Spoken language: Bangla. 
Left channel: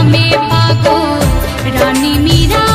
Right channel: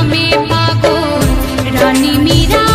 নামে পাগল রানী মীরা।